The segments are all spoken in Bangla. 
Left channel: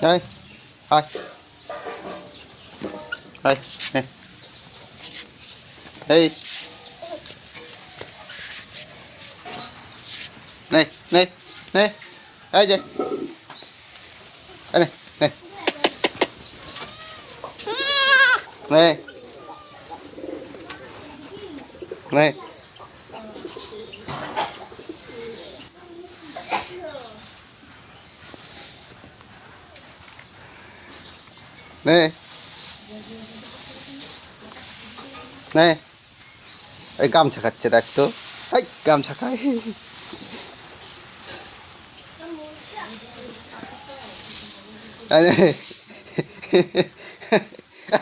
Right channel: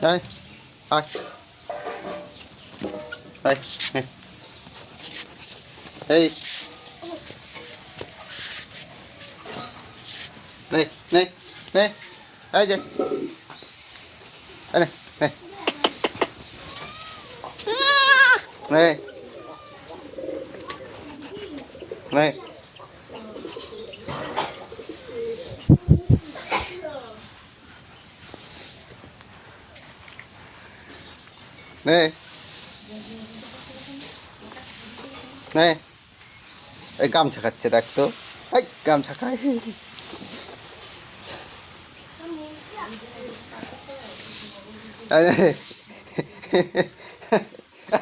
Đây, thôi. Đây, này. Đây. Này, này, này. Đây gì? Đây này, này. Này. Này. Này. Này. এই গামছা খাচ্ছে দেখ তো। এই গামছা খায়।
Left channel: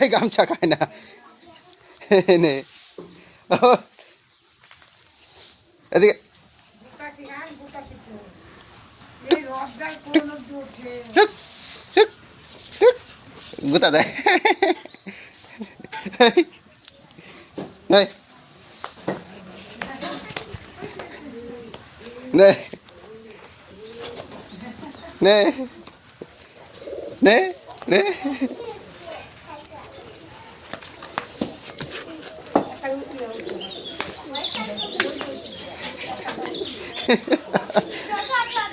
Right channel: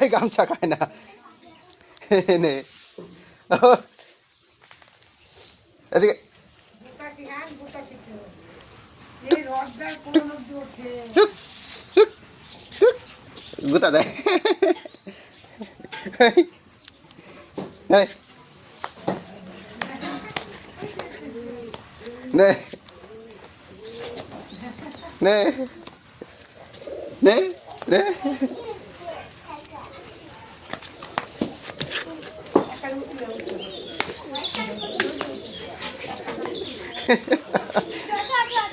এই গামছা খায় না। নে। এদিকে গুতা দেয়। নে নে নে নে নে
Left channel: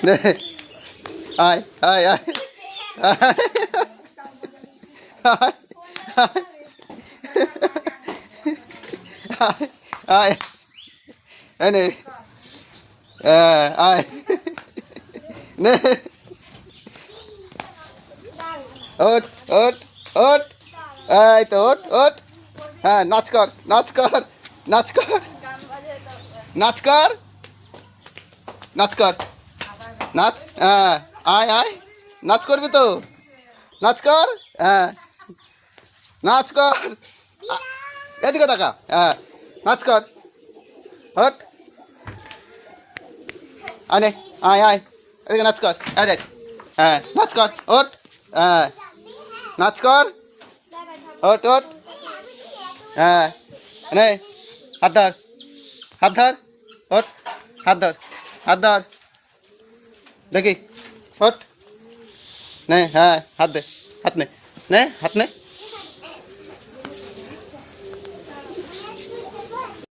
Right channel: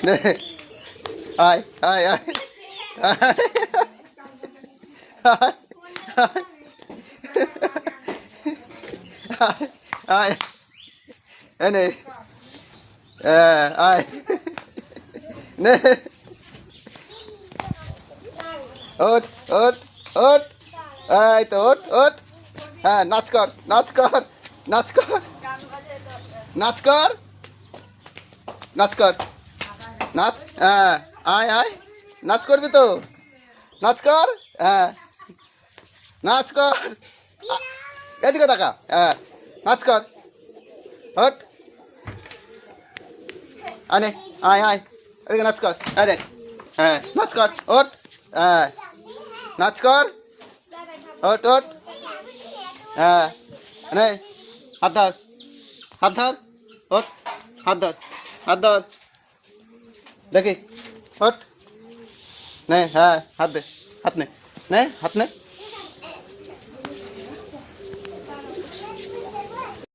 নে আয় আয় আয় আয় আয় নে আয় নে ওঠ ওঠ ওঠ এই তো ওঠ ওঠ হ্যাঁ নাচ কর নাচ কর নাচ কর নাচ কর নাচ কর নাচ হ্যাঁ আয় আয় নাচ করবি তো নাচ কর হ্যাঁ নাচ কর এদিকে দেখা হ্যাঁ নাচ কর হট আনে আয় আয় এদিকে নাচ কর হ্যাঁ দেখ হ্যাঁ নাচ কর ওঠ হ্যাঁ নাচ কর ওঠ ওঠ হ্যাঁ নে হাত ধর হাত ধর ওঠ হাত ধর হাত ধর দেখি ওঠ নে হ্যাঁ হাত দে হাত নে নে হাত নে